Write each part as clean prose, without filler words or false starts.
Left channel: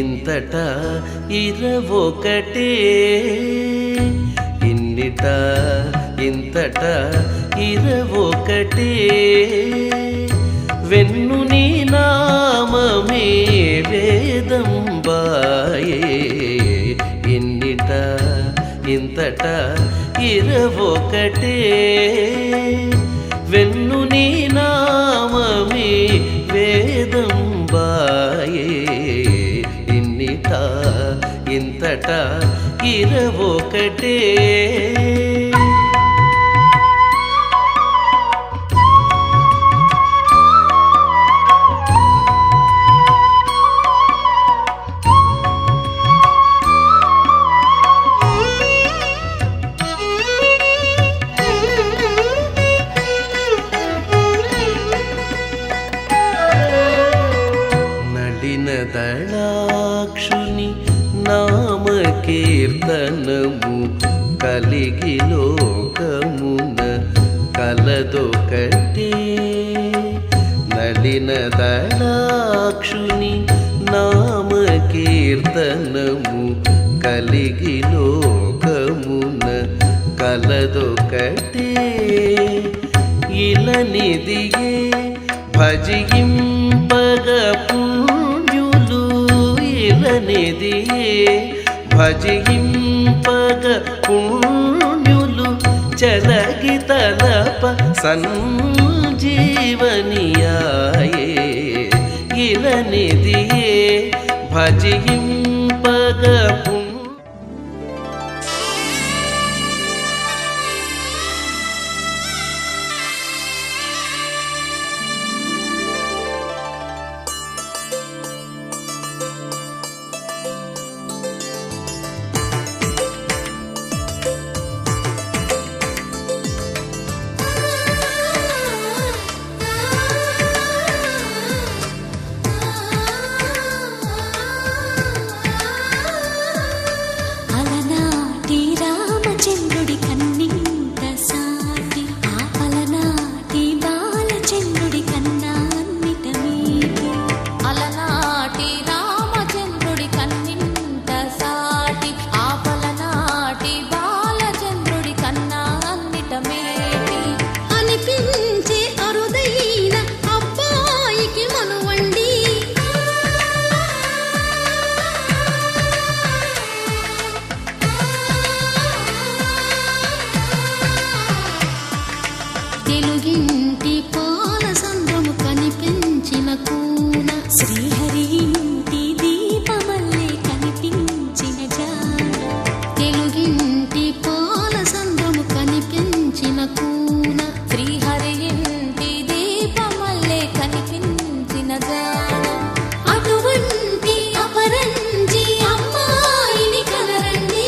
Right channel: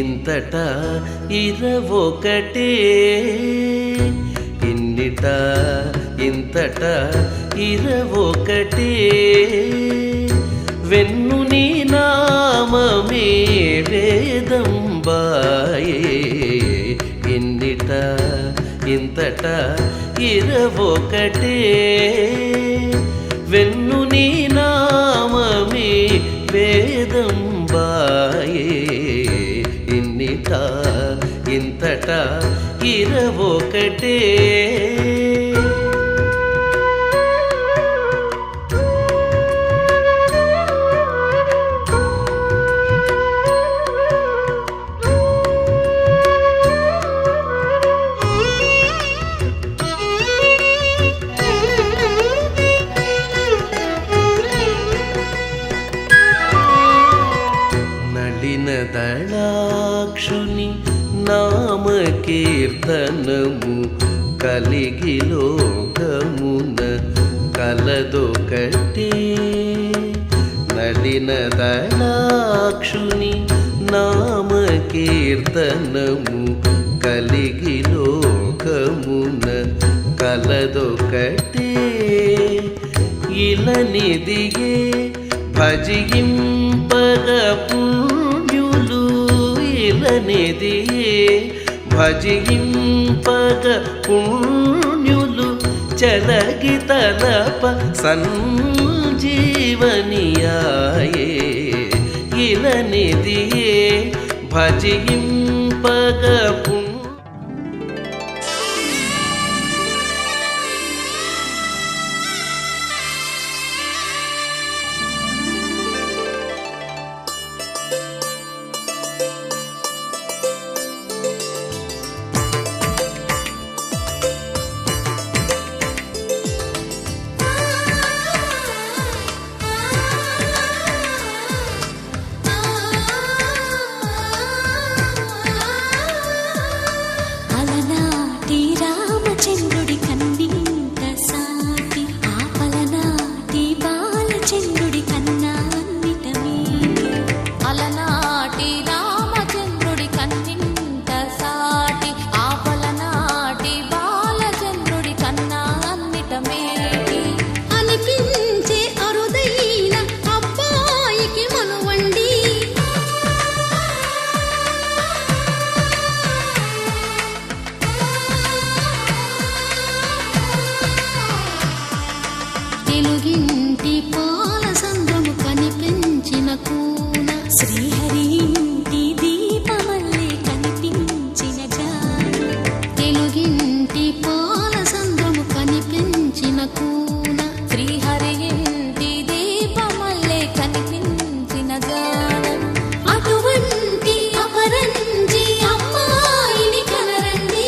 ఇంతట ఇరవొకటే ఇన్నిట ఇంతట ఇరవొకటే వెన్ను నీ నామమే వేదంబాయే ఇన్నిట ఇంతట ఇరవొకటే వెన్ను నీ నామమే వేదంబాయే ఇన్నిట ఇంతట ఇరవొకటే దళాక్షుని నామకీర్తనము కలిగి లోకమున కలదొకటే నడిన దళాక్షుని నామకీర్తనము కలిగి లోకమున కలదొకటే ఇలనిదియే భజింపగ పుణ్యులు ఇలనిదియే భజింపగ పుణ్యులు చలగి తలప సంజీవనియాయే ఇలనిదియే భజింపగ పుణ్యులు రామచంద్రుడి కన్నింత సాటి ఆపలనాటి బాలచంద్రుడి కన్నా అన్నిట మీటి అలనాటి రామచంద్రుడి కన్నింత సాటి ఆపలనాటి బాలచంద్రుడి కన్నా అన్నిట మేటి అనిపించే అరుదైన అబ్బాయికి మనువండి తెలుగింటి పాలసంద్రము కనిపించిన కూన శ్రీహరి ఇంటి దీపమల్లే కనిపించిన జాన తెలుగింటి పాలసంద్రము కనిపించిన కూన శ్రీహరి ఇంటి దీపమల్లే కనిపించిన జాన అటువంటి అపరంజి అమ్మాయిని కనరండి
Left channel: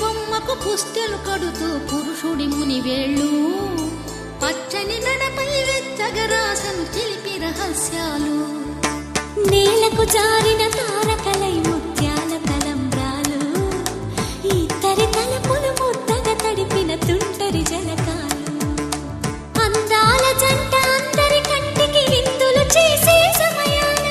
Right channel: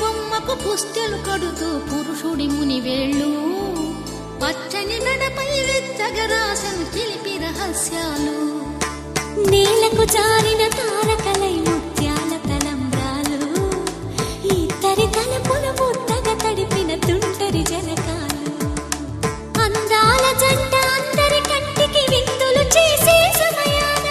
బొమ్మకు పుస్తెలు కడుతూ పురుషుడి ముని వేళ్ళు పచ్చని నడపై వెచ్చగరాసను చిలిపి రహస్యాలు నేలకు జారిన తారకలై ముత్యాల తలంబ్రాలు ఇద్దరి తలపులు ముద్దగా తడిపిన తుంటరి జలకాలు అందాల జంట అందరి కంటికి విందులు చేసే సమయాన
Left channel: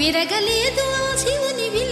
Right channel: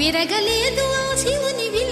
విరగలేదు ఆ శివుని విల